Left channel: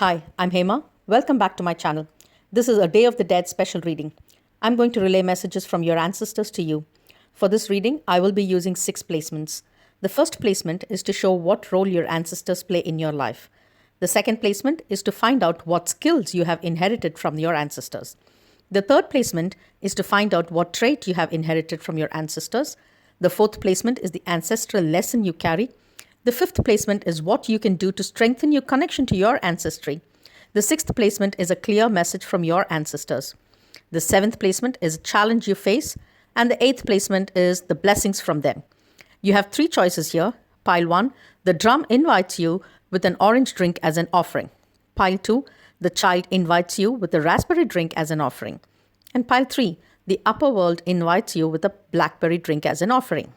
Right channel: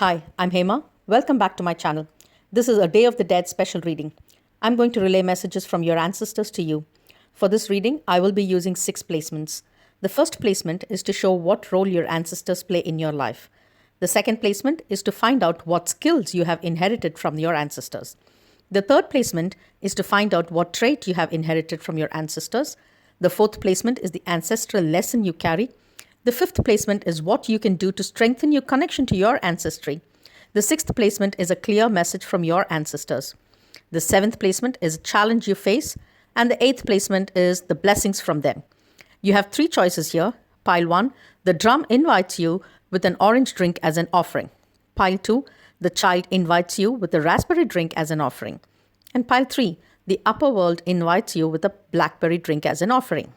Hi, I'm Hema. Welcome back to my channel. This is a Day of the Dead special reading. I'm going to relay messages from your ancestors to you. For this reading, I will be using 6 placements. The first placement is to show what role your ancestors play in your life. The second placement is to find out what skills you have inherited from your ancestors. The third placement is to find out what trait you have inherited from your ancestors. The fourth placement is the ancestral lesson you carry. The fifth placement is what you can do to strengthen your connection to your ancestry. The sixth placement is a clear message from your ancestors. The seventh placement is a challenge you face. And the eighth placement is the blessings from them. You have 3 choices here. Pile 1, the drum invites you with an orange drink as an offering. Pile 2, the child invites you with a raspberry drink as an offering. And pile 3, the upper world invites you with a blackberry drink as an offering.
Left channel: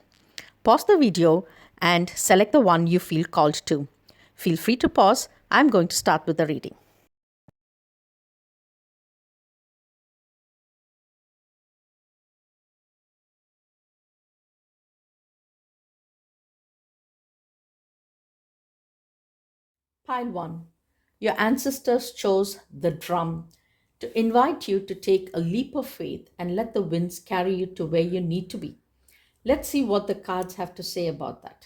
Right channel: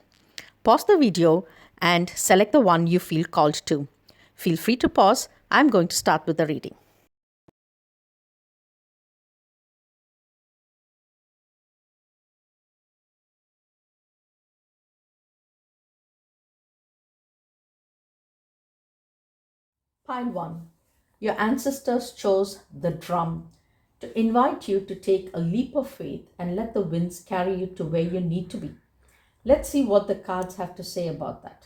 Pause the video and select the one you feel called to. Feel free to pause. I'm going to start with the reading. Pile 1. Your ancestors chose the drum to invite you to take a leap of faith and let the winds carry you to where you need to be. Let's see what the cards have to say about that.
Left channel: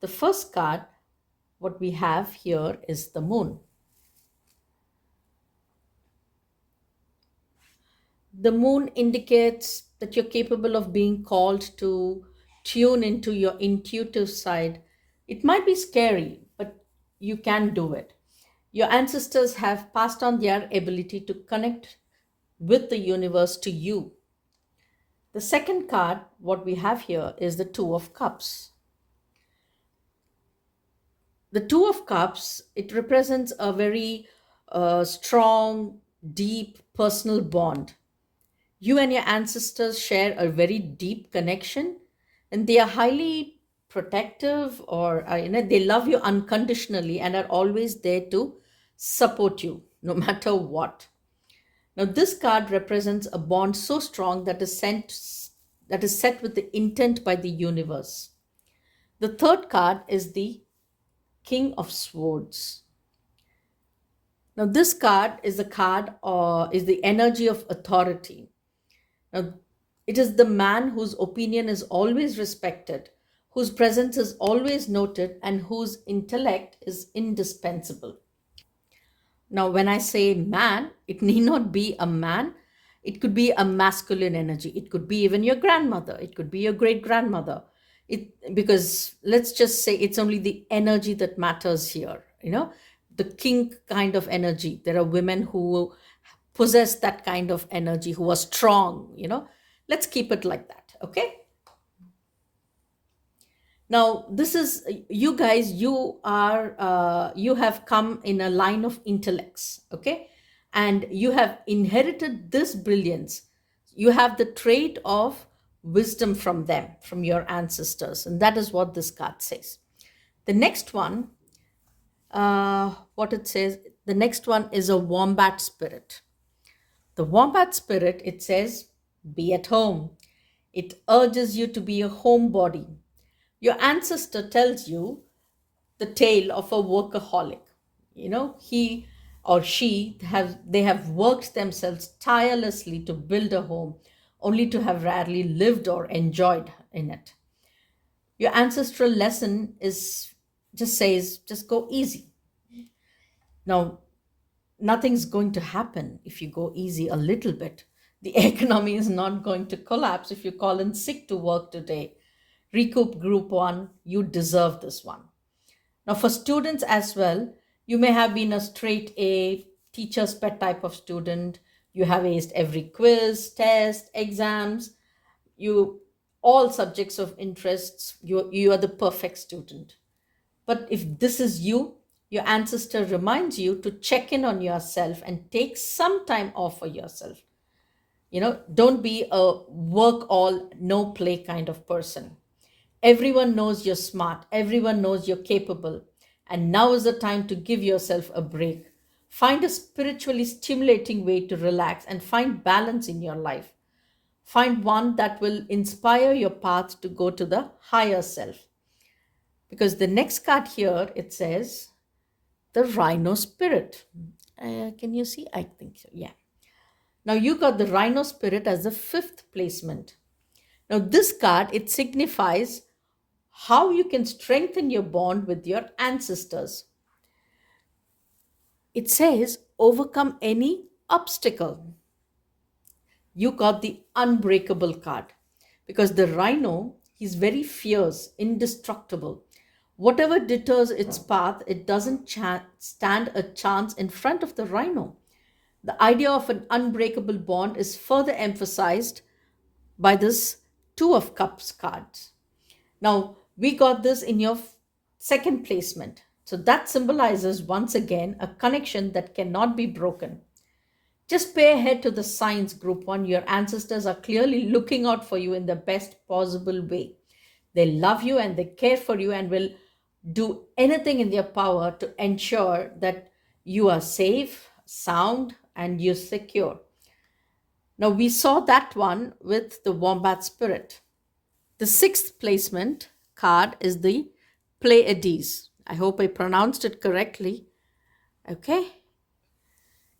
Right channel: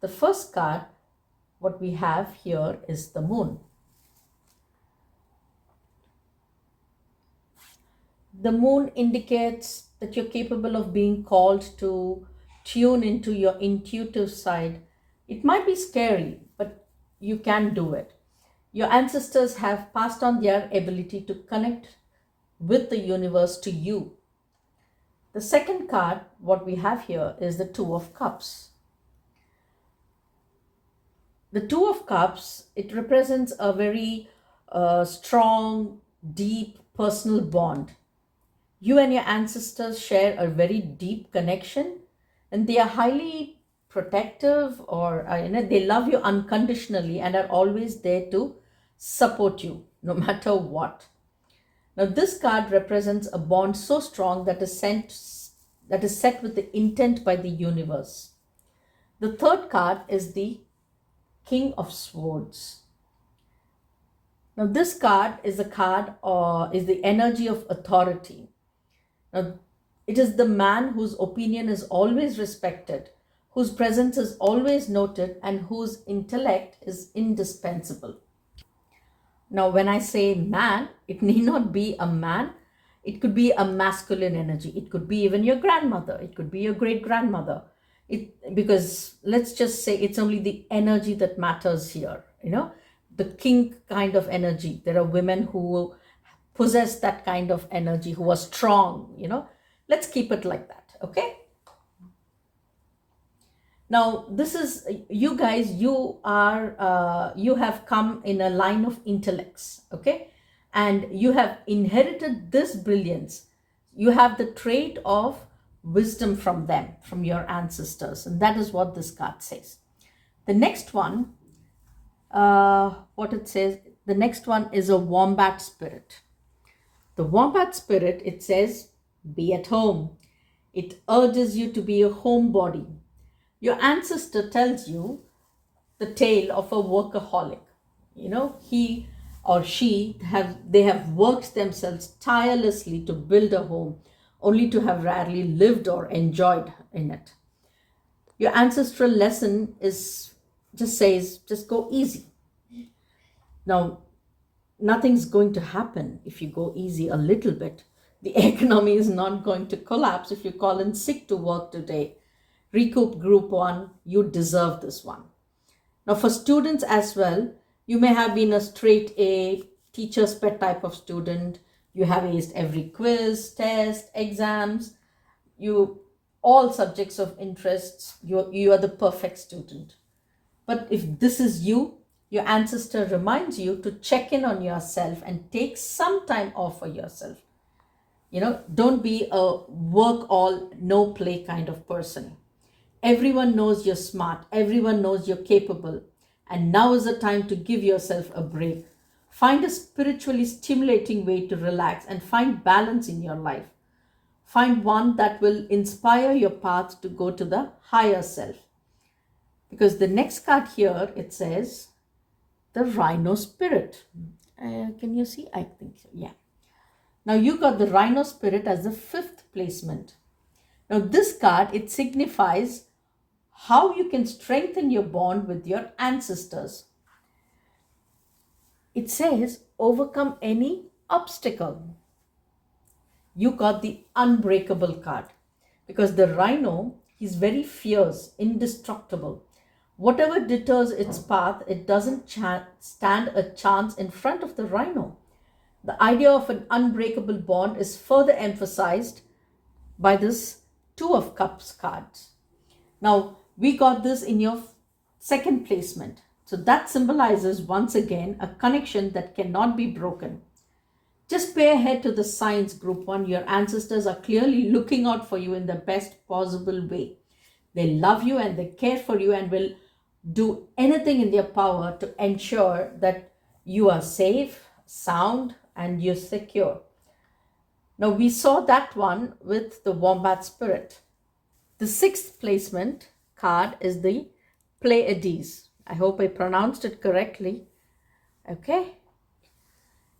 The first card, what we have here is the moon. The moon indicates that you're capable of being called to tune into your intuitive side. It might be scary, but you can do it. Your ancestors have passed on their ability to connect with the universe to you. The second card, what we have here, is the Two of Cups. The Two of Cups, it represents a very strong, deep personal bond. You and your ancestors share a very deep connection, and they are highly protective, or they love you unconditionally and are always there to support you no matter what. Now this card represents a bond so strong that is set with the intent by the universe. The third card is the King of Swords. Now this card is is the energy of authority. Now, it is the man whose opinion is always respected, whose presence is always noted, and whose intellect is indispensable. Now, when I say man, it need not be a man. It could be a masculine energy. It could be even your grandmother. It could be your great grandmother. Because let's just say it's only the energy that matters here. The king kind of energy. There are women who possess that kind of energy, who are strong. Let's keep it like that. Okay. Now this is you guys, you have come in a line of intellects. Okay. And you have inherited this brilliance. You have the trait of wisdom from them, from your ancestors, and that is what this card says. The next one, what it says, the next one is a wombat spirit. The wombat spirit, it says, be at home. It urges you to be a homebody. Your ancestor tells you the tale of a workaholic. He or she they have worked themselves tirelessly to build a home, only to have rarely lived or enjoyed in it. Your ancestral lesson says, just go easy. Now, nothing's going to happen if you go easy a little bit. The economy is not going to collapse if you call in sick to work today. Recoup group 1, you deserve this one. Now for students as well, you may have been a straight A, teacher's pet type of student. You have aced every quiz, test, exams, all subjects of interests. You are the perfect student. But if this is you, your ancestor reminds you to check in on yourself and take some time off for yourself. Don't be a work all, no play kind of person. Everyone knows you're smart. Everyone knows you're capable. And now is the time to give yourself a break. Find a spiritually stimulating way to relax and find balance in your life. Find one that will inspire your path to go to the higher self. Because the next card here, it says, the rhino spirit. Can you see? I think so. Yeah. Now you got the rhino spirit as the fifth placement. Now this card, it signifies how you can strengthen your bond with your ancestors. It says overcome any obstacle. You got the unbreakable card because the rhino, he's very fierce, indestructible. Whatever deters its path, it doesn't stand a chance in front of the rhino. The idea of an unbreakable bond is further emphasized by this Two of Cups card. Now, we got this in your second placement. So that symbolizes once again a connection that cannot be broken. Just pay ahead to the signs, Group 1. Your ancestors are clearly looking out for you in the best possible way. They love you and they care for you and will do anything in their power to ensure that you are safe, sound, and you're secure. Now, we saw that one with the Wombat Spirit. The sixth placement card is the Pleiades. I hope I pronounced it correctly. Okay.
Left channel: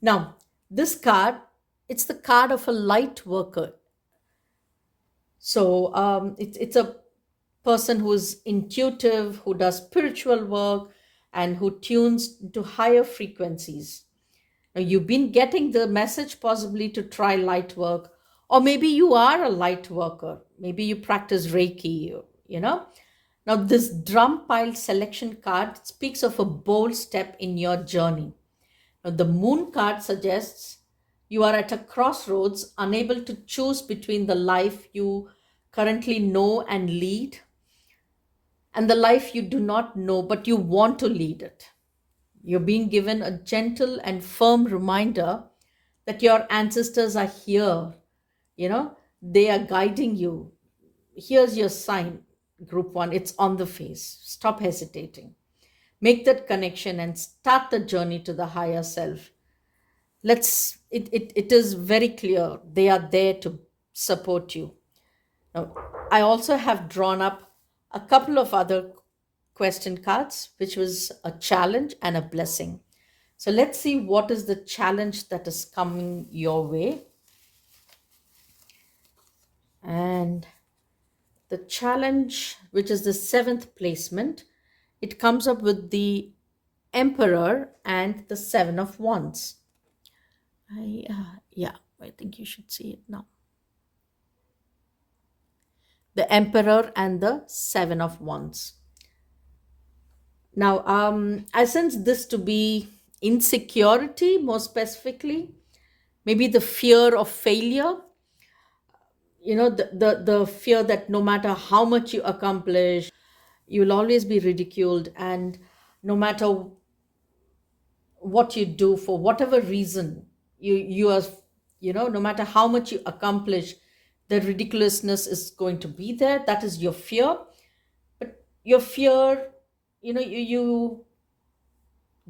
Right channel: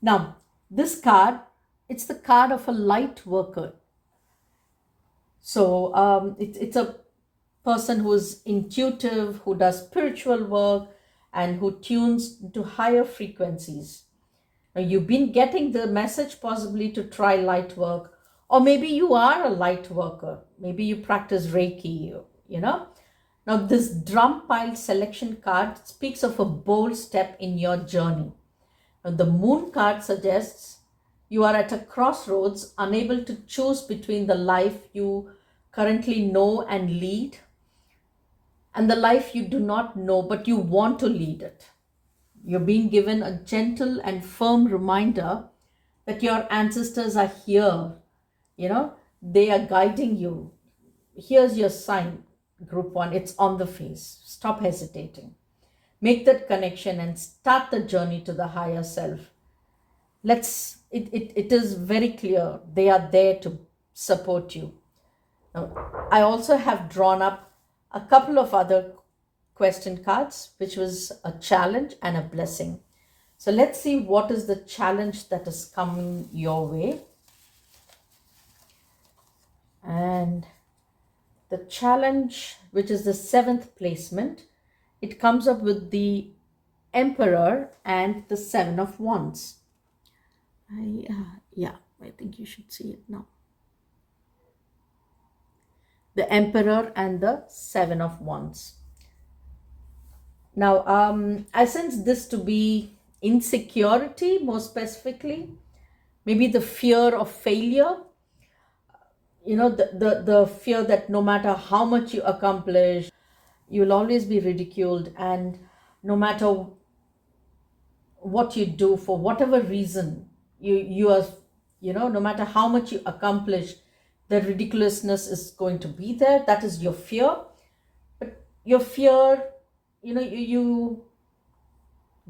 Now, this card, it's the card of a light worker. So it's a person who's intuitive, who does spiritual work, and who tunes to higher frequencies. Now, you've been getting the message possibly to try light work, or maybe you are a light worker. Maybe you practice Reiki, you know. Now, this drum pile selection card speaks of a bold step in your journey. Now, the moon card suggests you are at a crossroads, unable to choose between the life you currently know and lead and the life you do not know, but you want to lead it. You're being given a gentle and firm reminder that your ancestors are here. You know, they are guiding you. Here's your sign, Group 1. It's on the face. Stop hesitating. Make that connection and start the journey to the higher self. It is very clear. They are there to support you. Now, I also have drawn up a couple of other question cards, which was a challenge and a blessing. So let's see what is the challenge that is coming your way. And the challenge, which is the seventh placement, it comes up with the Emperor and the Seven of Wands. I think you should see it now. The Emperor and the Seven of Wands. Now, I sense this to be insecurity, more specifically, maybe the fear of failure. You know, the fear that no matter how much you accomplish, you'll always be ridiculed, and no matter what you do, for whatever reason, you are, you know, no matter how much you accomplish, the ridiculousness is going to be there. That is your fear. But your fear, you know, you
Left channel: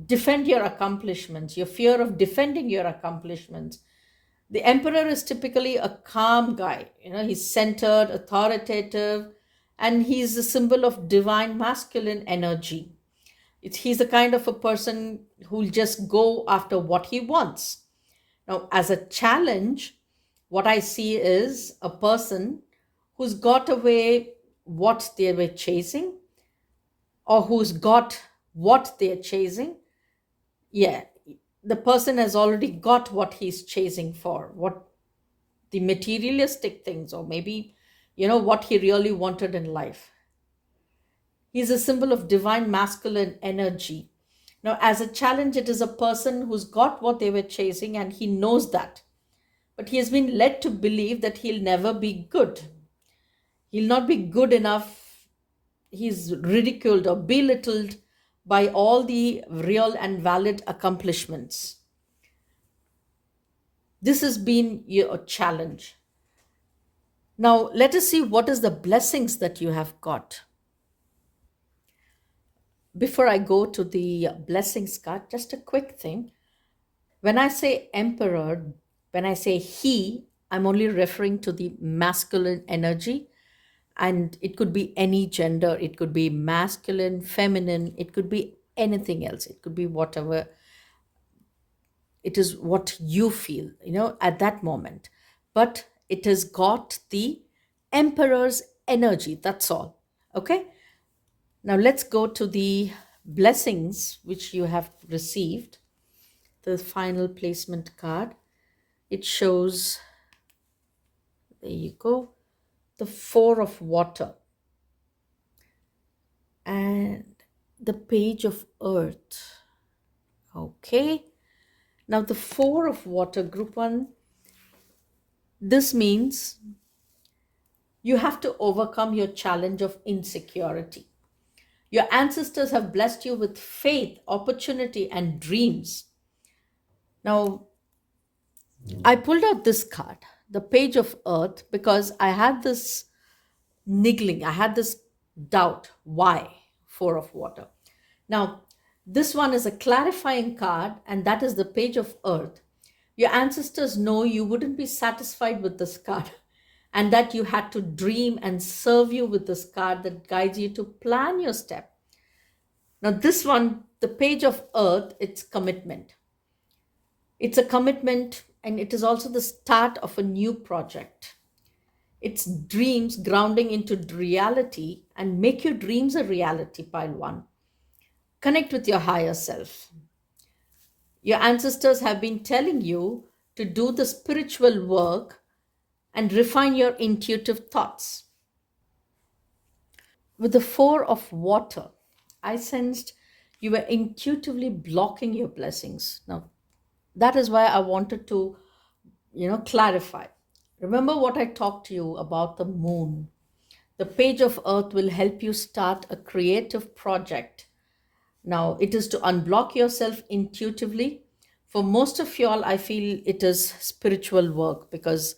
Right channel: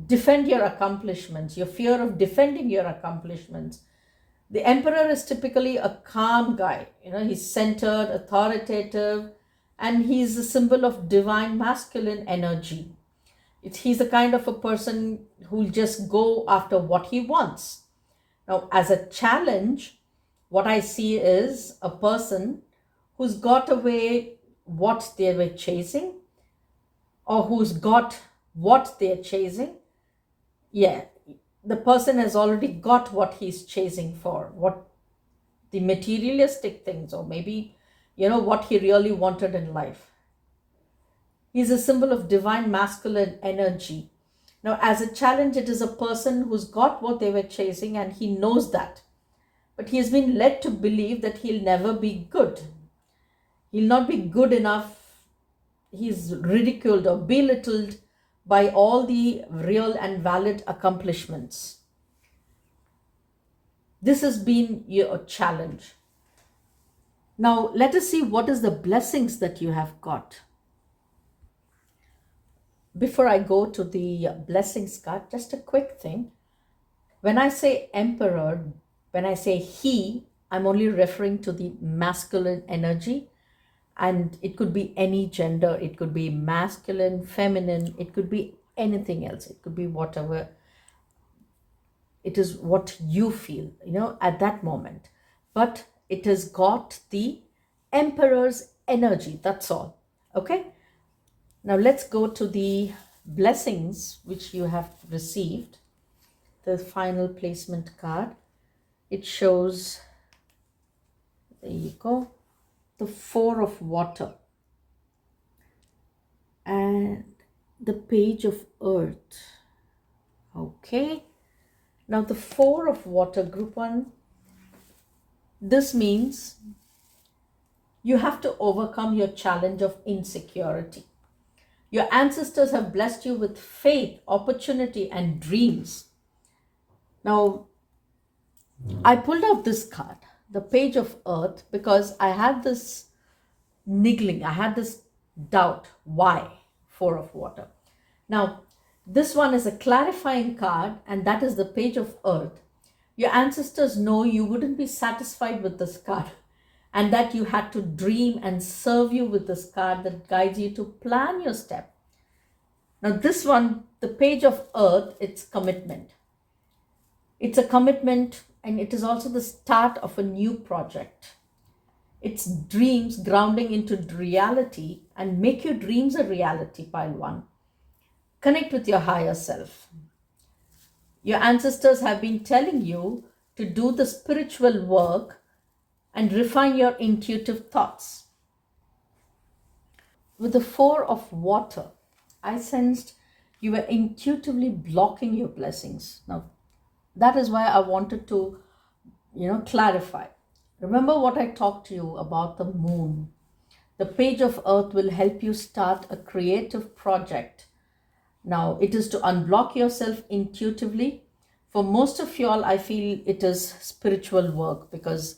defend your accomplishments, your fear of defending your accomplishments. The Emperor is typically a calm guy. You know, he's centered, authoritative, and he's a symbol of divine masculine energy. He's the kind of a person who'll just go after what he wants. Now, as a challenge, what I see is a person who's got away what they were chasing, or who's got what they're chasing. Yeah, the person has already got what he's chasing for, what the materialistic things, or maybe, you know, what he really wanted in life. He's a symbol of divine masculine energy. Now, as a challenge, it is a person who's got what they were chasing and he knows that. But he has been led to believe that he'll never be good. He'll not be good enough. He's ridiculed or belittled by all the real and valid accomplishments. This has been your challenge. Now, let us see what is the blessings that you have got. Before I go to the blessings card, just a quick thing. When I say Emperor, when I say he, I'm only referring to the masculine energy, and it could be any gender. It could be masculine, feminine, it could be anything else. It could be whatever it is, what you feel, at that moment. But it has got the emperor's energy. That's all. Okay. Now let's go to the blessings which you have received. The final placement card. It shows, there you go, the Four of Water and the Page of Earth. Okay. Now the Four of Water, group one, this means you have to overcome your challenge of insecurity. Your ancestors have blessed you with faith, opportunity, and dreams. Now, I pulled out this card, the Page of Earth, because I had this niggling, I had this doubt. Why Four of Water? Now, this one is a clarifying card, and that is the Page of Earth. Your ancestors know you wouldn't be satisfied with this card, and that you had to dream and serve you with this card that guides you to plan your step. Now, this one, the Page of Earth, it's commitment. It's a commitment, and it is also the start of a new project. It's dreams grounding into reality, and make your dreams a reality, pile one. Connect with your higher self. Your ancestors have been telling you to do the spiritual work and refine your intuitive thoughts. With the Four of Water, I sensed you were intuitively blocking your blessings. Now, that is why I wanted to, clarify. Remember what I talked to you about the moon. The Page of Earth will help you start a creative project. Now, it is to unblock yourself intuitively. For most of y'all, I feel it is spiritual work, because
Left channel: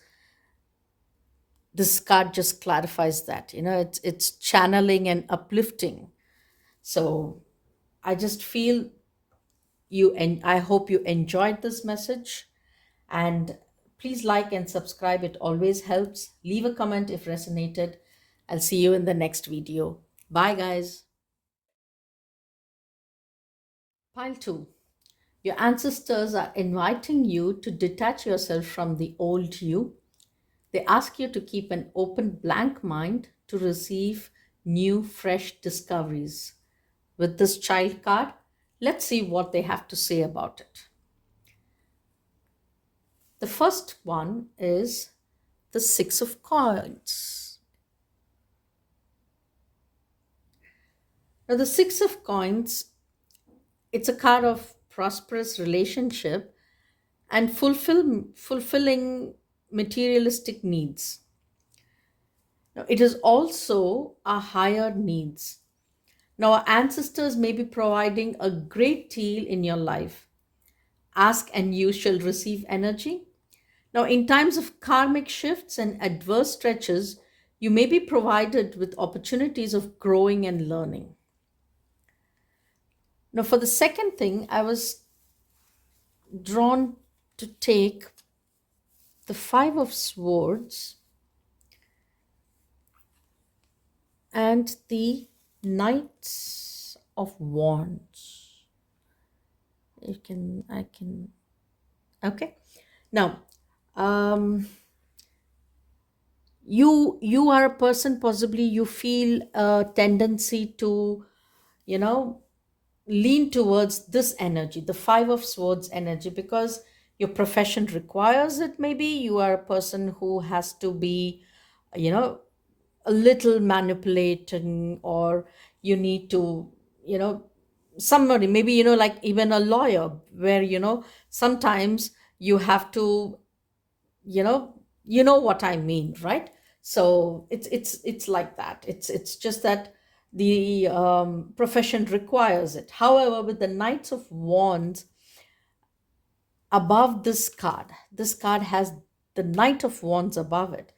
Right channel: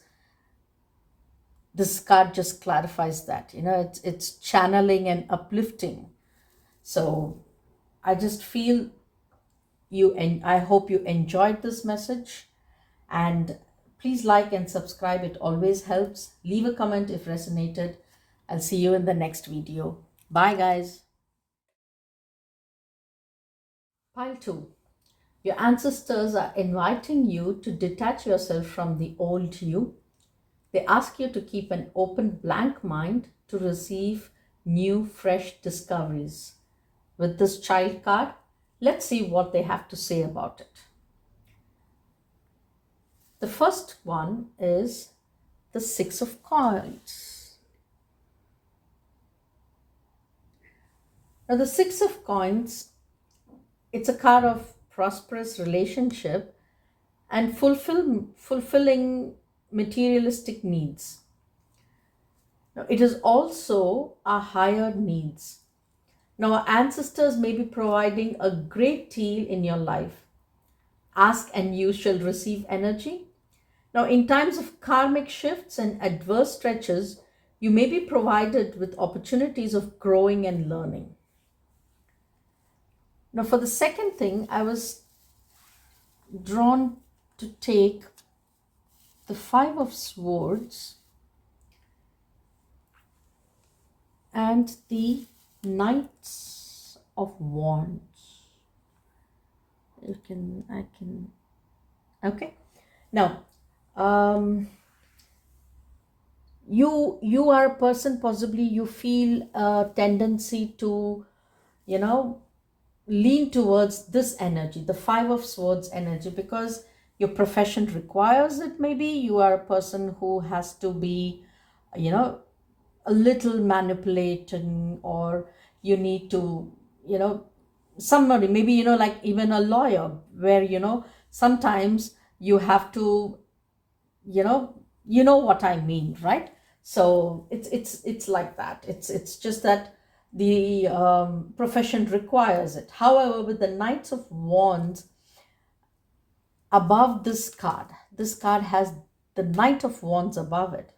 this card just clarifies that. It's channeling and uplifting. So I just feel you, and I hope you enjoyed this message. And please like and subscribe. It always helps. Leave a comment if resonated. I'll see you in the next video. Bye, guys. Pile 2. Your ancestors are inviting you to detach yourself from the old you. They ask you to keep an open, blank mind to receive new, fresh discoveries. With this child card, let's see what they have to say about it. The first one is the Six of Coins. Now, the Six of Coins, it's a card of prosperous relationship and fulfilling materialistic needs. Now, it is also our higher needs. Now, our ancestors may be providing a great deal in your life. Ask and you shall receive energy. Now, in times of karmic shifts and adverse stretches, you may be provided with opportunities of growing and learning. Now, for the second thing, I was drawn to take the Five of Swords and the Knights of Wands. Okay. Now, you are a person, possibly you feel a tendency to, lean towards this energy, the Five of Swords energy, because your profession requires it. Maybe you are a person who has to be, a little manipulating, or you need to, somebody, maybe, like even a lawyer, where, sometimes you have to, what I mean, right? So it's like that. It's just that the profession requires it. However, with the Knights of Wands above this card has the Knight of Wands above it,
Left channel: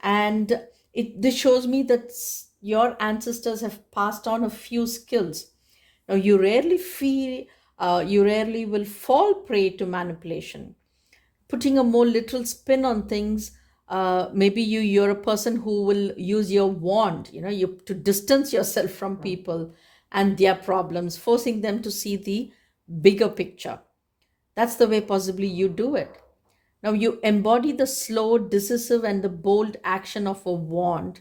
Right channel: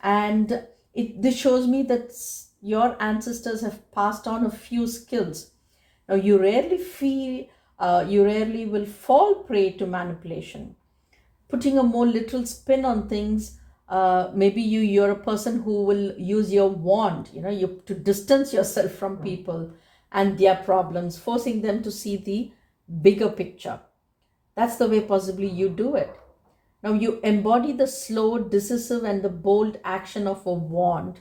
and this shows me that your ancestors have passed on a few skills. Now, you rarely will fall prey to manipulation. Putting a more literal spin on things, maybe you're a person who will use your wand, to distance yourself from people, and their problems, forcing them to see the bigger picture. That's the way possibly you do it. Now you embody the slow, decisive, and the bold action of a wand.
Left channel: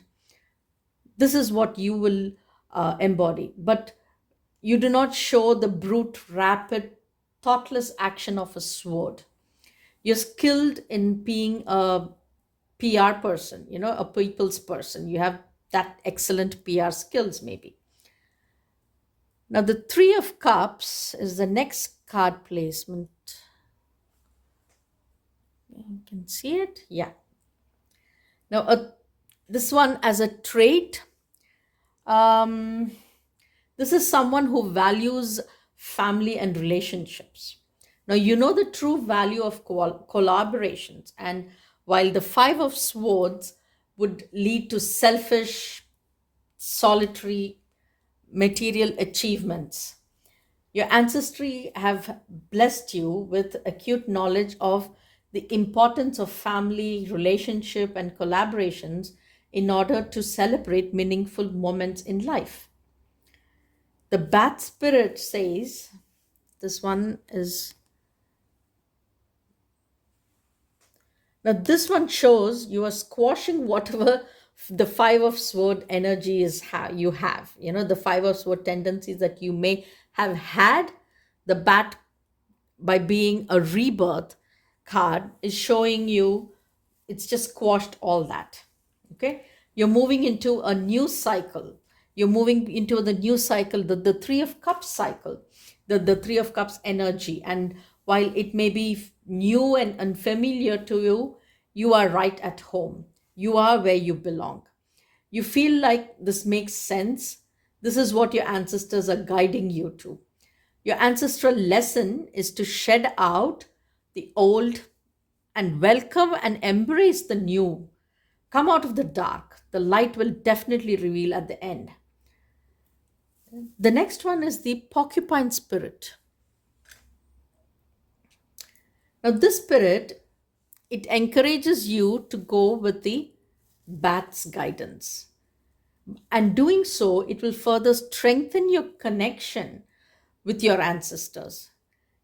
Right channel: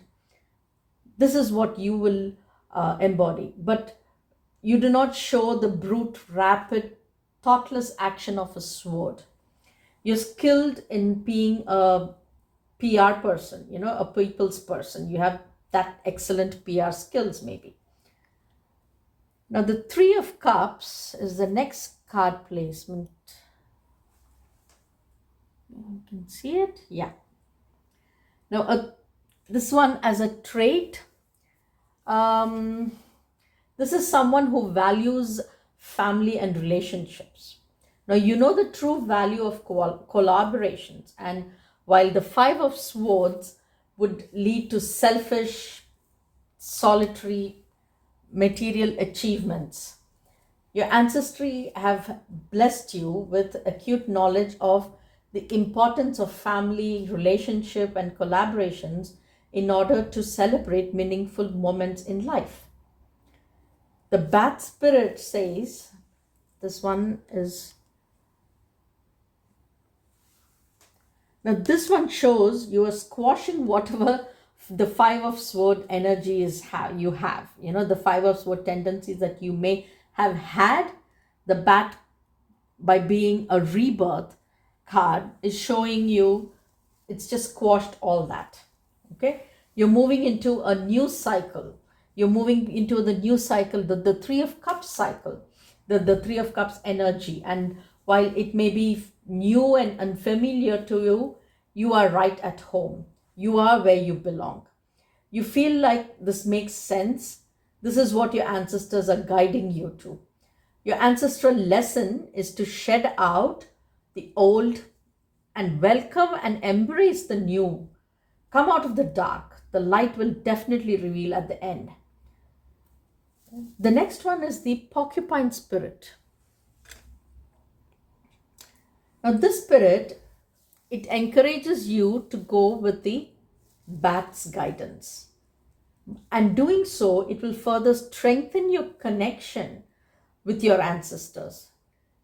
This is what you will embody. But you do not show the brute, rapid, thoughtless action of a sword. You're skilled in being a PR person, a people's person. You have that excellent PR skills, maybe. Now, the Three of Cups is the next card placement. You can see it. Yeah. Now, this one as a trait, um, this is someone who values family and relationships. Now, you know the true value of collaborations. And while the Five of Swords would lead to selfish, solitary, material achievements, your ancestry have blessed you with acute knowledge of the importance of family, relationship, and collaborations in order to celebrate meaningful moments in life. The bat spirit says, this one is, now this one shows you are squashing whatever the Five of Sword energy is you have. The Five of Sword tendencies that you may have had. The bat, by being a rebirth card, is showing you it's just squashed all that. Okay, you're moving into a new cycle. You're moving into the new cycle, the Three of Cups cycle, the Three of Cups energy. And while it may be new and unfamiliar to you, you are right at home. You are where you belong. You feel like this makes sense. This is what your ancestors are guiding you to. Your ancestral lesson is to shed out the old and welcome and embrace the new. Come out of the dark. The light will definitely reveal at the end. The next one is the porcupine spirit. Now, this spirit, it encourages you to go with the bat's guidance. And doing so, it will further strengthen your connection with your ancestors.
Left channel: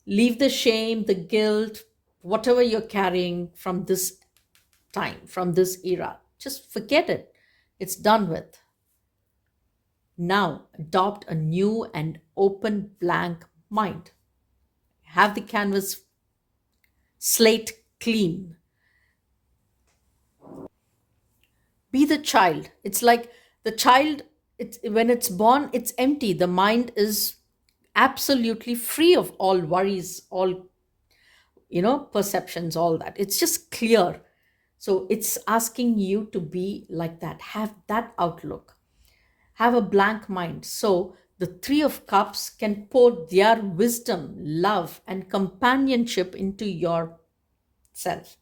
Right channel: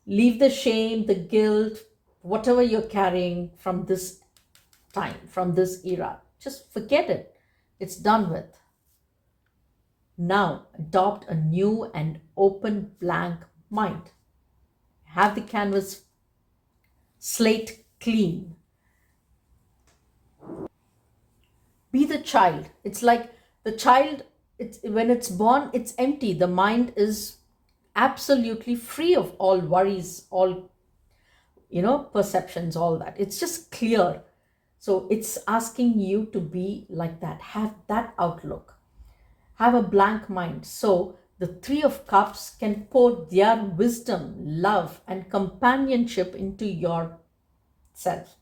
Leave the shame, the guilt, whatever you're carrying from this time, from this era. Just forget it. It's done with. Now, adopt a new and open blank mind. Have the canvas slate clean. Be the child. It's like the child, when it's born, it's empty. The mind is absolutely free of all worries, all, perceptions, all that. It's just clear. So it's asking you to be like that. Have that outlook. Have a blank mind. So the Three of Cups can pour their wisdom, love, and companionship into yourself.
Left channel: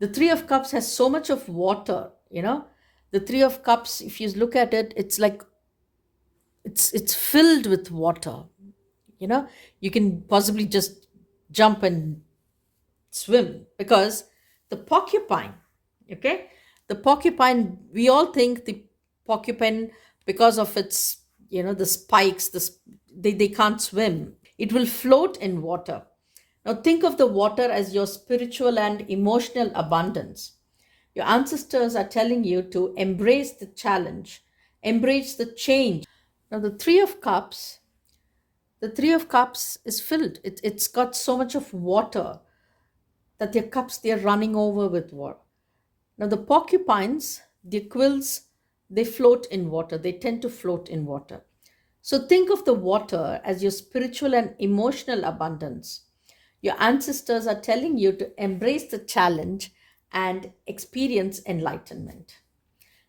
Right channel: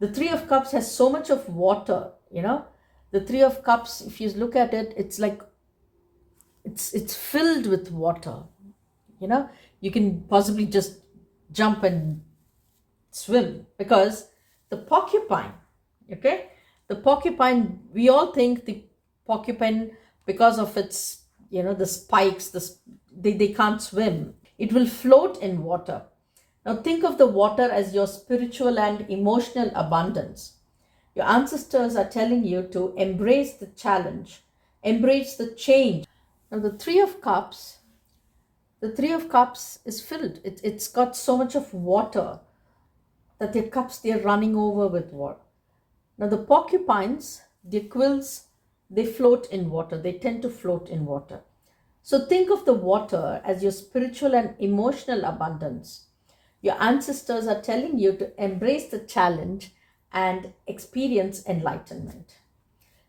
The Three of Cups has so much of water, The Three of Cups, if you look at it, it's like it's filled with water. You can possibly just jump and swim, because the porcupine, okay, the porcupine, we all think the porcupine, because of its, the spikes, they can't swim. It will float in water. Now think of the water as your spiritual and emotional abundance. Your ancestors are telling you to embrace the challenge, embrace the change. Now the Three of Cups is filled. It's got so much of water that their cups, they're running over with water. Now the porcupines, their quills, they float in water. They tend to float in water. So think of the water as your spiritual and emotional abundance. Your ancestors are telling you to embrace the challenge and experience enlightenment.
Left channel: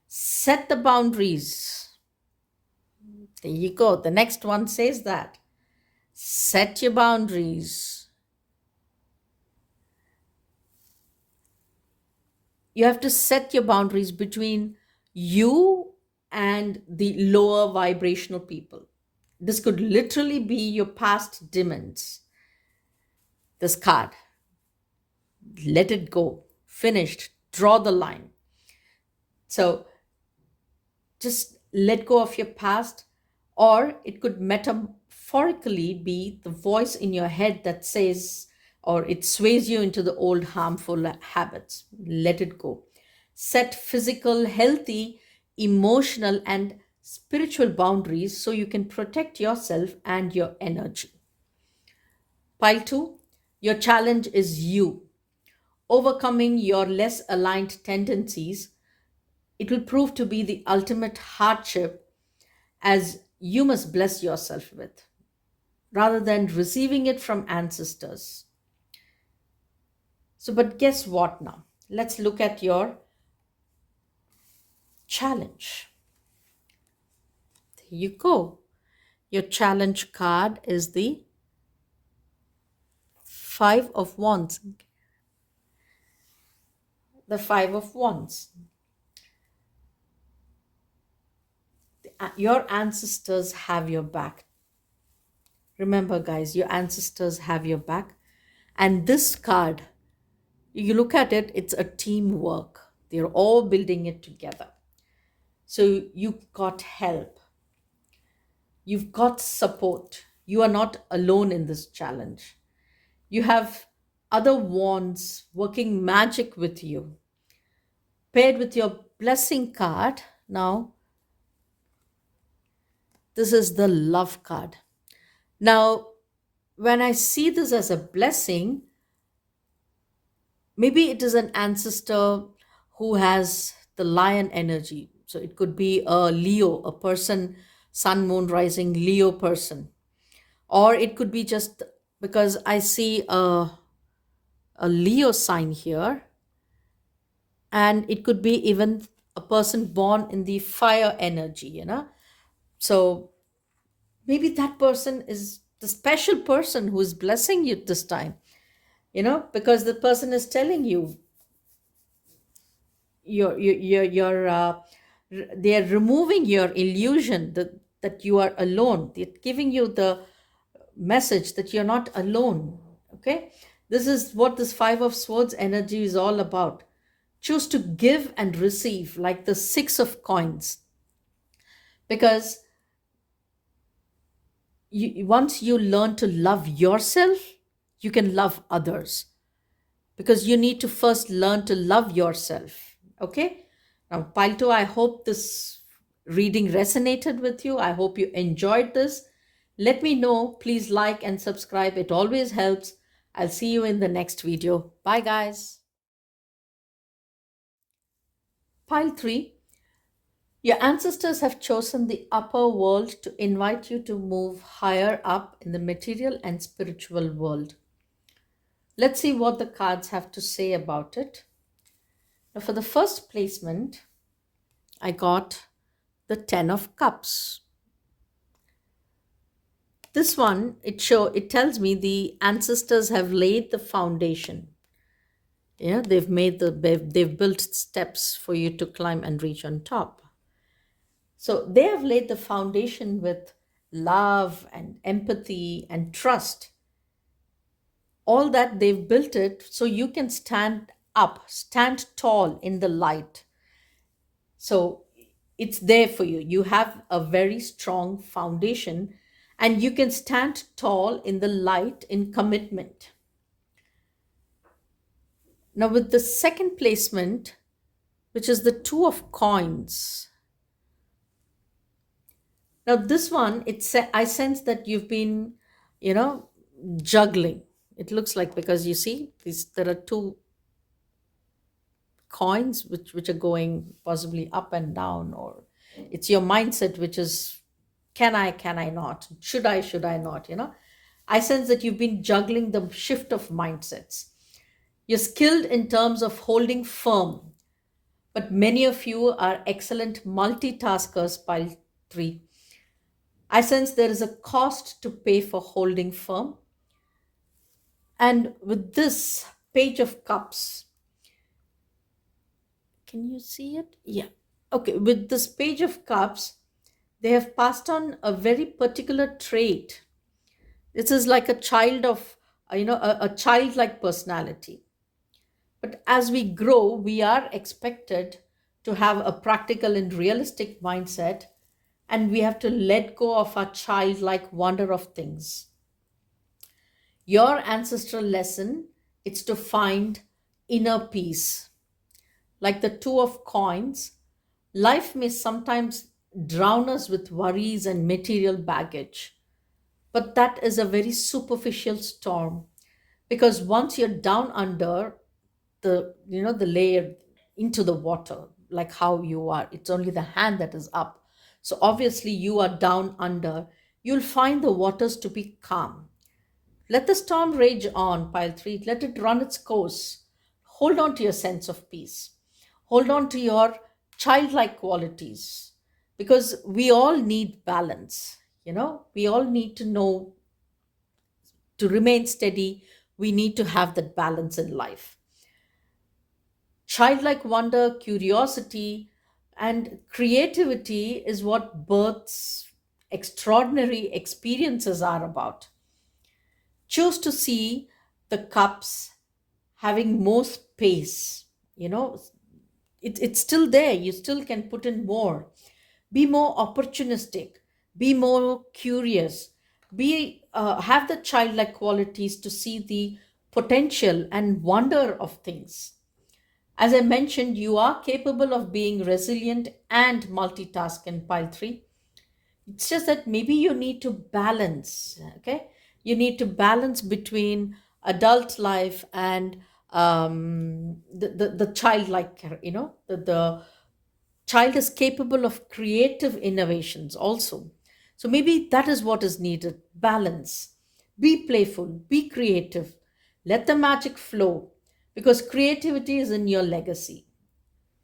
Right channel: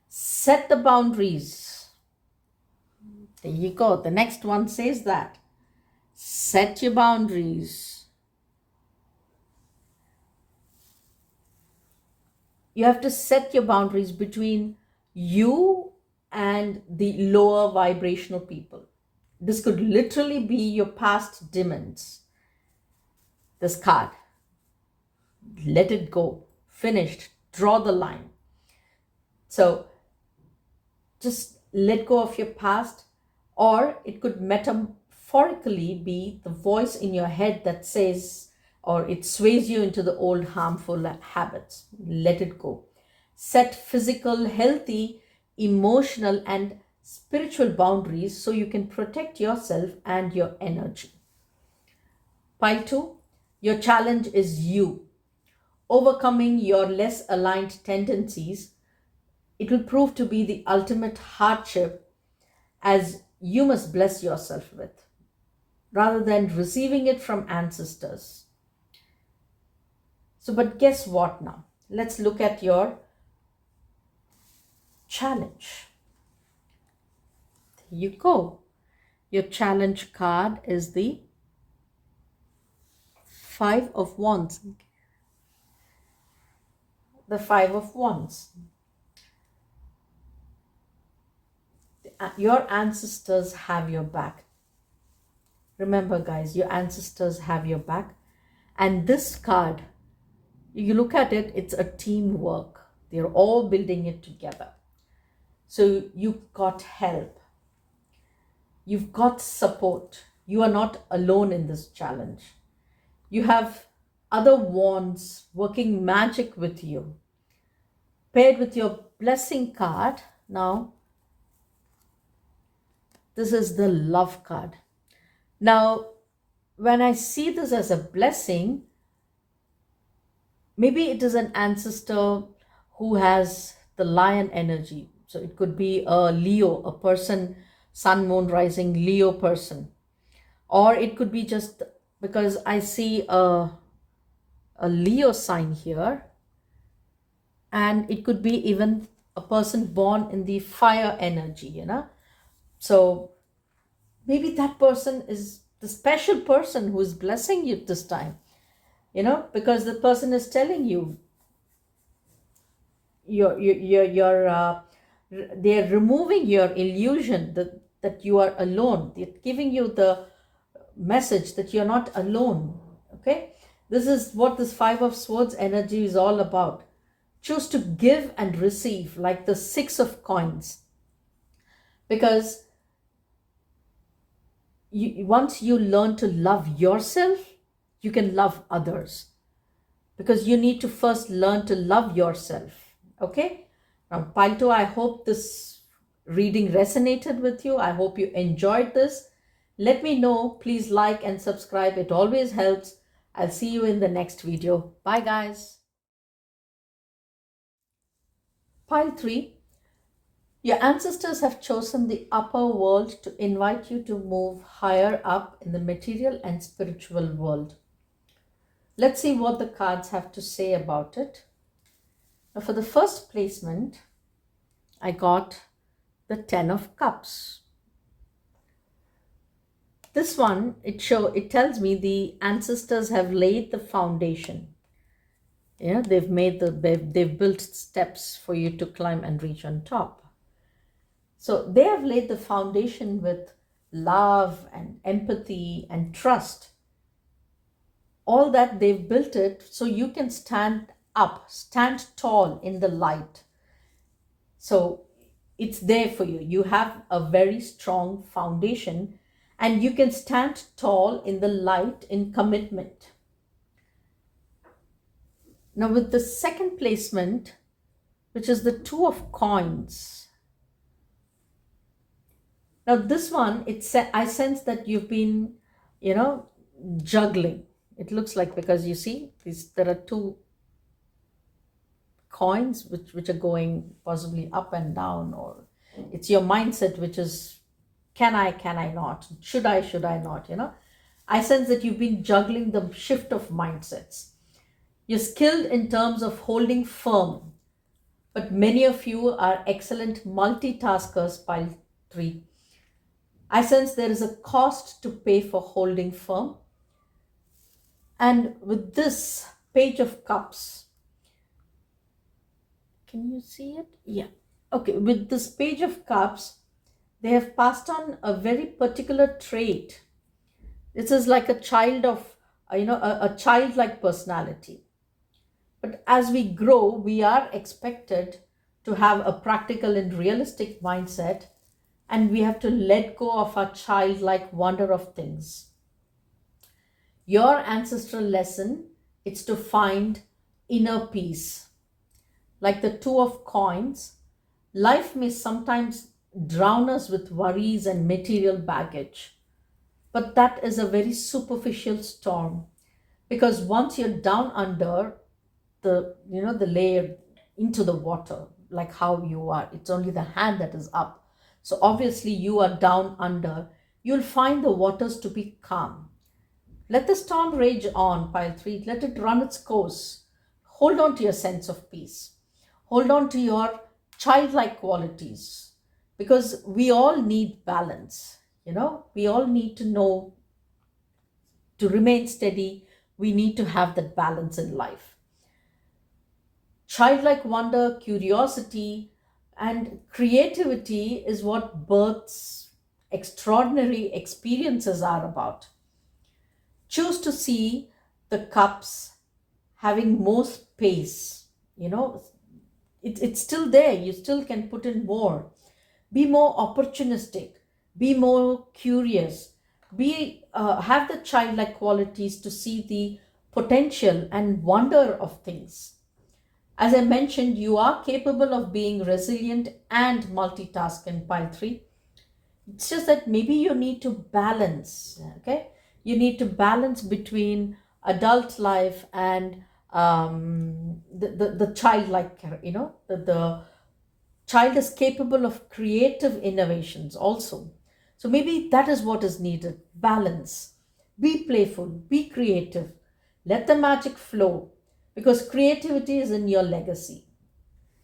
Set the boundaries. There you go. The next one says that. Set your boundaries. You have to set your boundaries between you and the lower vibrational people. This could literally be your past demons. This card. Let it go. Finished. Draw the line. So just let go of your past. Or it could metaphorically be the voice in your head that says, or it sways you into the old harmful habits. Let it go. Set physical, healthy, emotional, and spiritual boundaries so you can protect yourself and your energy. Pile two, your challenge is you. Overcoming your less aligned tendencies, it will prove to be the ultimate hardship as you must bless yourself with, rather than receiving it from ancestors. So, but guess what now? Let's look at your challenge. There you go. Your challenge card is the Five of Wands. The Five of Wands. Your ancestors have your back. Remember, guys, your ancestors have your back. And this card, you look at it, it's a teamwork. They're all building it together. So you've got help. You've got support. You are not alone in this challenge. You have other wands working magic with you. Paired with your blessing card, now this is the love card. Now, when I see this as a blessing, maybe it is an ancestor who has the lion energy. So it could be a Leo, a person, sun, moon, rising Leo person. Or it could be just because I see a Leo sign here. And it could be even a person born in the fire energy. So maybe that person is the special person who is blessing you this time, because the person is telling you they're removing your illusion that you are alone. They're giving you the message that you're not alone. Okay, this is what this Five of Swords energy is all about. Choose to give and receive, like the Six of Coins, because once you learn to love yourself, you can love others, because you need to first learn to love yourself. Okay, now Palto, I hope this reading resonated with you. I hope you enjoyed this. Let me know. Please like and subscribe. It always helps. I'll see you in the next video. Bye, guys. Pile 3. Your ancestors have chosen the upper world to invite you to move higher up in the material and spiritual world. Let's see what the cards have to say about it. Now, for the first placement, I got the Ten of Cups. This one, it tells me the ancestors have laid the foundation. Yeah, they've built steps for you to climb and reach on top. So they have laid the foundation with love and empathy and trust. All that they've built it so you can stand up, stand tall in the light. So it's there for you. You have a very strong foundation and you can stand tall in the light in commitment. Now with the second placement, which is the Two of Coins. Now this one, I sense that you've been, juggling. It looks like, because you see, there are two coins which are going possibly up and down, or it's your mindset which is, can I not? Should I not? I sense that you've been juggling the shift of mindsets. You're skilled in terms of holding firm, but many of you are excellent multitaskers, Pile 3. I sense there is a cost to pay for holding firm. And with this Page of Cups, can you see it? Yeah. Okay, with this Page of Cups, they have passed on a very particular trait. This is like a child of, a childlike personality. But as we grow, we are expected to have a practical and realistic mindset and we have to let go of our childlike wonder of things. Your ancestral lesson is to find inner peace. Like the two of coins, life may sometimes drown us with worries and material baggage, but that is a very superficial storm, because once you're down under the layer into the water, like how you are, it's only the hand that is up. So obviously you are down under. You'll find the waters to be calm. Let the storm rage on, pile 3. Let it run its course. Hold on to your sense of peace. Hold on to your childlike qualities, because we all need balance. We all need to know, to remain steady, we need to have that balance in life. Childlike wonder, curiosity, and creativity is what birth's extraordinary experiences are about. Choose to see the cups having more space. It's still there. You still can put in more. Be more opportunistic. Be more curious. Have the childlike qualities to see the potential and wonder of things. As I mentioned, you are capable of being resilient and multitask in pile 3. It's just that maybe you need to balance, okay? You need to balance between adult life and the childlike, the child is capable of creative innovations also. So maybe that is what is needed: balance. Be playful, be creative, let the magic flow, because creativity is in your legacy.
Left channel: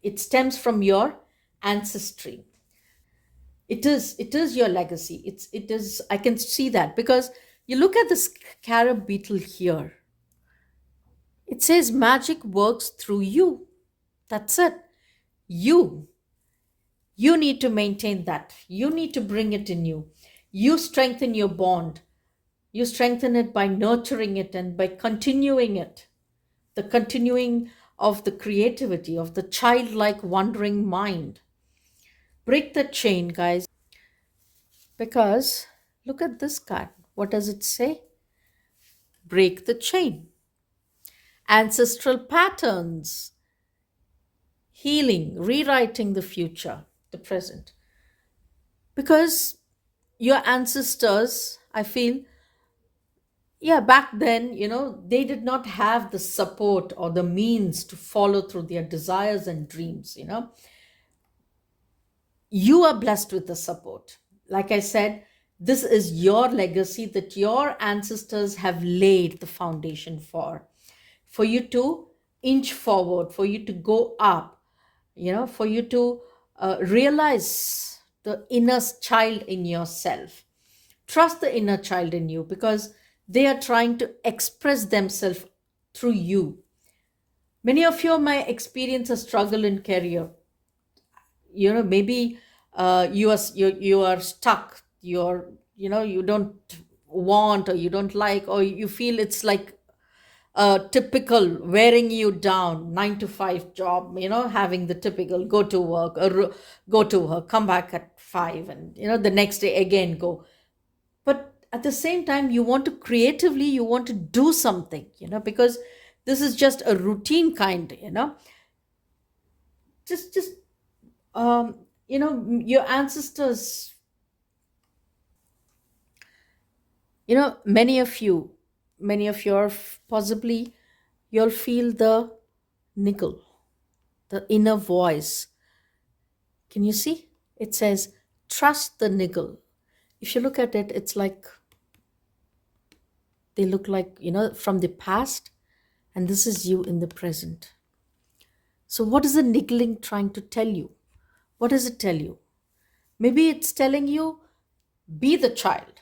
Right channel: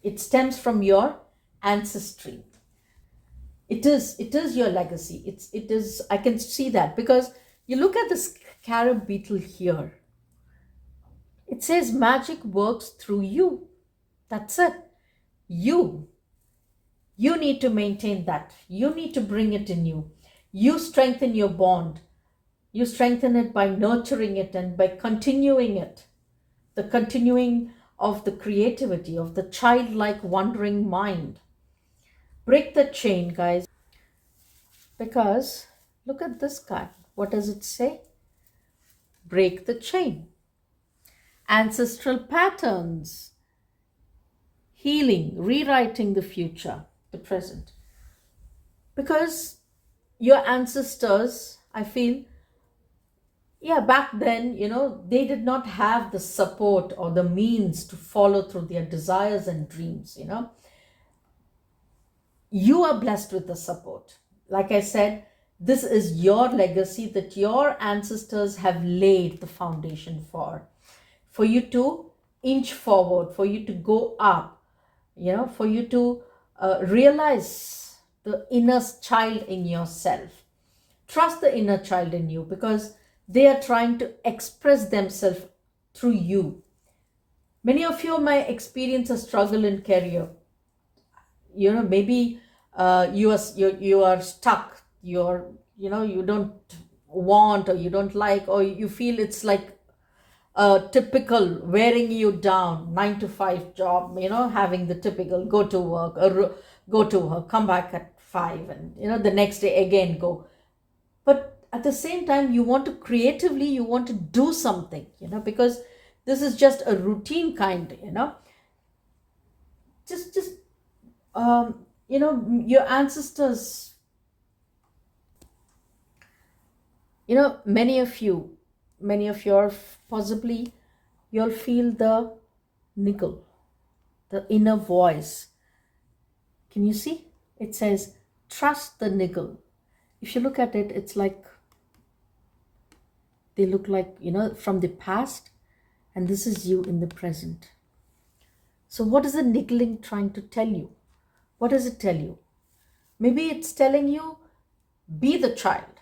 It stems from your ancestry. It is your legacy. It is, I can see that, because you look at the scarab beetle here. It says magic works through you. That's it. You you need to maintain that. You need to bring it in you. You strengthen your bond. You strengthen it by nurturing it and by continuing it. The continuing of the creativity, of the childlike wandering mind. Break the chain, guys. Because look at this card. What does it say? Break the chain. Ancestral patterns. Healing, rewriting the future, the present. Because your ancestors, I feel, yeah, back then, they did not have the support or the means to follow through their desires and dreams. You are blessed with the support. Like I said, this is your legacy that your ancestors have laid the foundation for you to inch forward, for you to go up, for you to realize the inner child in yourself. Trust the inner child in you, because they are trying to express themselves through you. Many of you might experience a struggle in career. Maybe you are stuck. You don't want, or you don't like, or you feel it's like a typical wearing you down 9 to 5 job, having the typical go to work, or go to work, come back at 5, and the next day again go. But at the same time, you want to creatively, you want to do something, because this is just a routine kind, just your ancestors, many of you are possibly, you'll feel the niggle, the inner voice. Can you see? It says trust the niggle. If you look at it, it's like they look like, from the past, and this is you in the present. So what is the niggling trying to tell you? What does it tell you? Maybe it's telling you, be the child,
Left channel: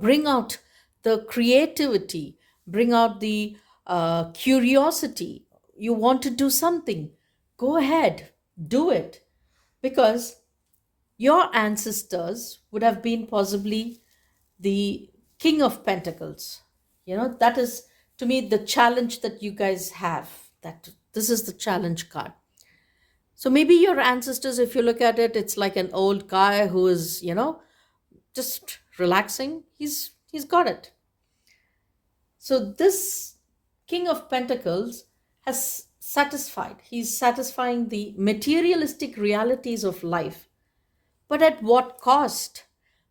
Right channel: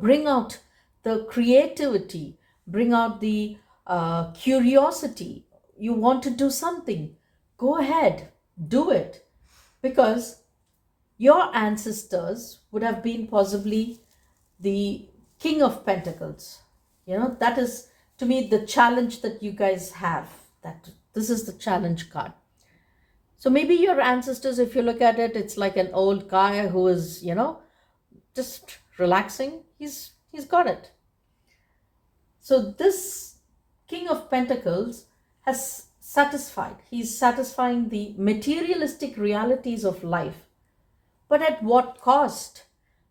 bring out the creativity, bring out the curiosity. You want to do something, go ahead, do it. Because your ancestors would have been possibly the King of Pentacles. That is, to me, the challenge that you guys have. That this is the challenge card. So maybe your ancestors, if you look at it, it's like an old guy who is, just relaxing. He's got it. So this King of Pentacles has satisfied. He's satisfying the materialistic realities of life. But at what cost?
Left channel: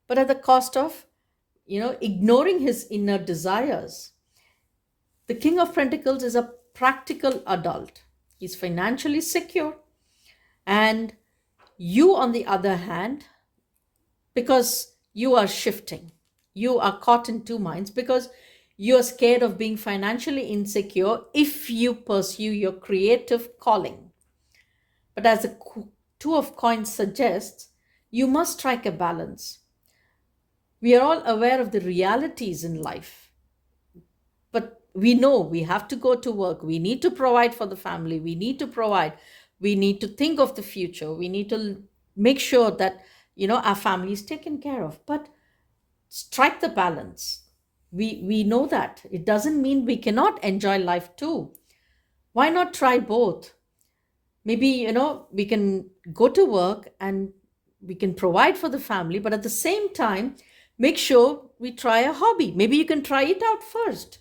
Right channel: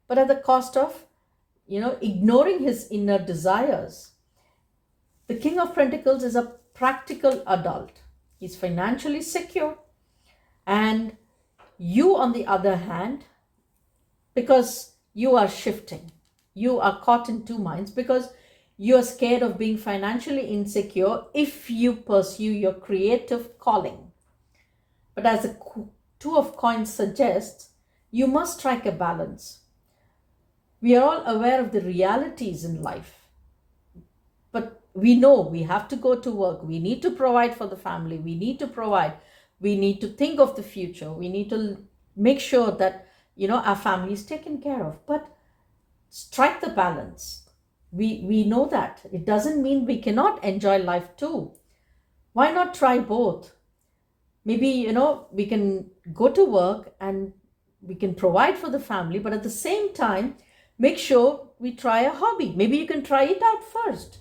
But at the cost of, ignoring his inner desires. The King of Pentacles is a practical adult. He's financially secure. And you, on the other hand, because you are shifting, you are caught in two minds because you're scared of being financially insecure if you pursue your creative calling. But as the Two of Coins suggests, you must strike a balance. We are all aware of the realities in life, but we know we have to go to work. We need to provide for the family. We need to provide. We need to think of the future. We need to make sure that, our family is taken care of. But strike the balance. We know that. It doesn't mean we cannot enjoy life too. Why not try both? Maybe, we can go to work and we can provide for the family, but at the same time, make sure we try a hobby. Maybe you can try it out first.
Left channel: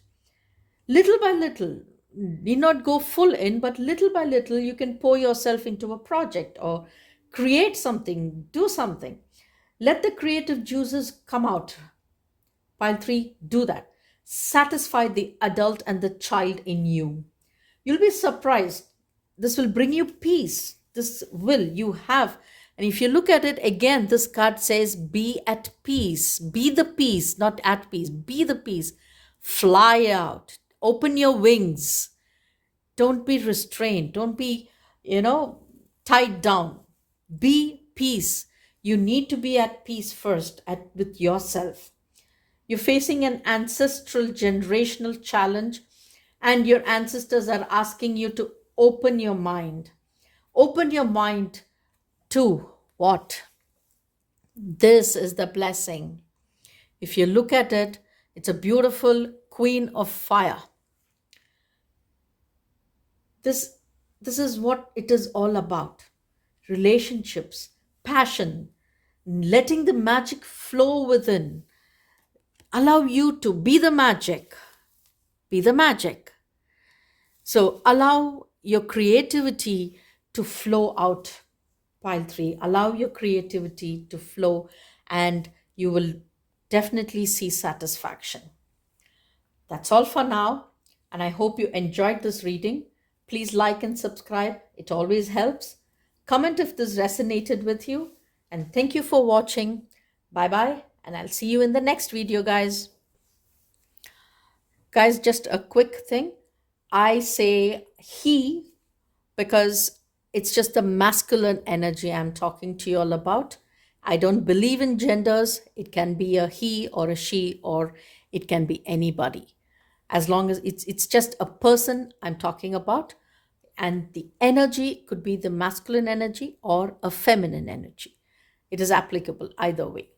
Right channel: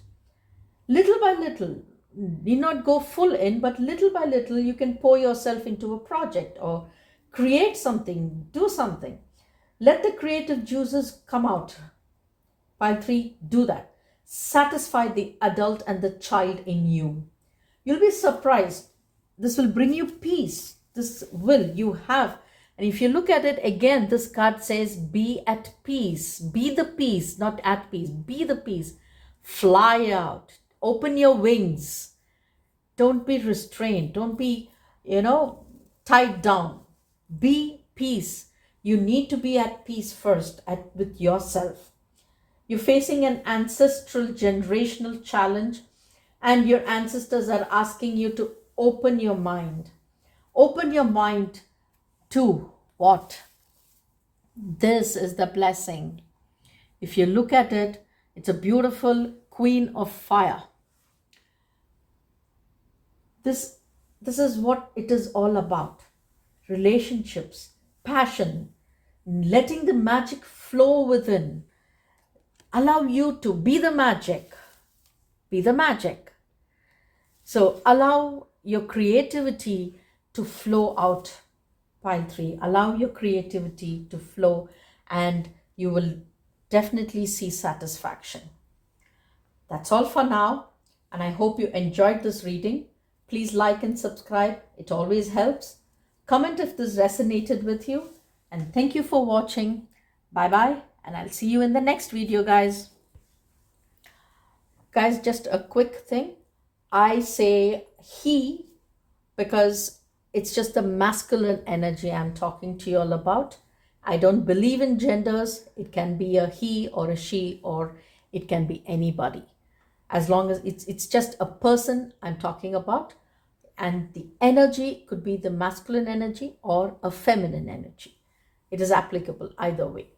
Little by little, need not go full in, but little by little, you can pour yourself into a project or create something, do something. Let the creative juices come out. Pile 3, do that. Satisfy the adult and the child in you. You'll be surprised. This will bring you peace. This will you have. And if you look at it again, this card says be at peace. Be the peace, not at peace. Be the peace. Fly out. Open your wings. Don't be restrained. Don't be, tied down. Be peace. You need to be at peace first with yourself. You're facing an ancestral generational challenge, and your ancestors are asking you to open your mind. Open your mind to what? This is the blessing. If you look at it, it's a beautiful Queen of Fire. This is what it is all about. Relationships, passion, letting the magic flow within. Allow you to be the magic. Be the magic. So allow your creativity to flow out. Pile 3. Allow your creativity to flow and you will definitely see satisfaction. That's all for now, and I hope you enjoyed this reading. Please like and subscribe. It always helps. Comment if this resonated with you, and thank you for watching. Bye-bye, and I'll see you in the next video, guys. Guys, just a quick thing. I say he because it's just the masculine energy I'm talking to you all about. I don't believe in genders. It can be a he or a she, or it can be anybody. As long as it's just a person I'm talking about, and the energy could be the masculine energy or a feminine energy. It is applicable either way.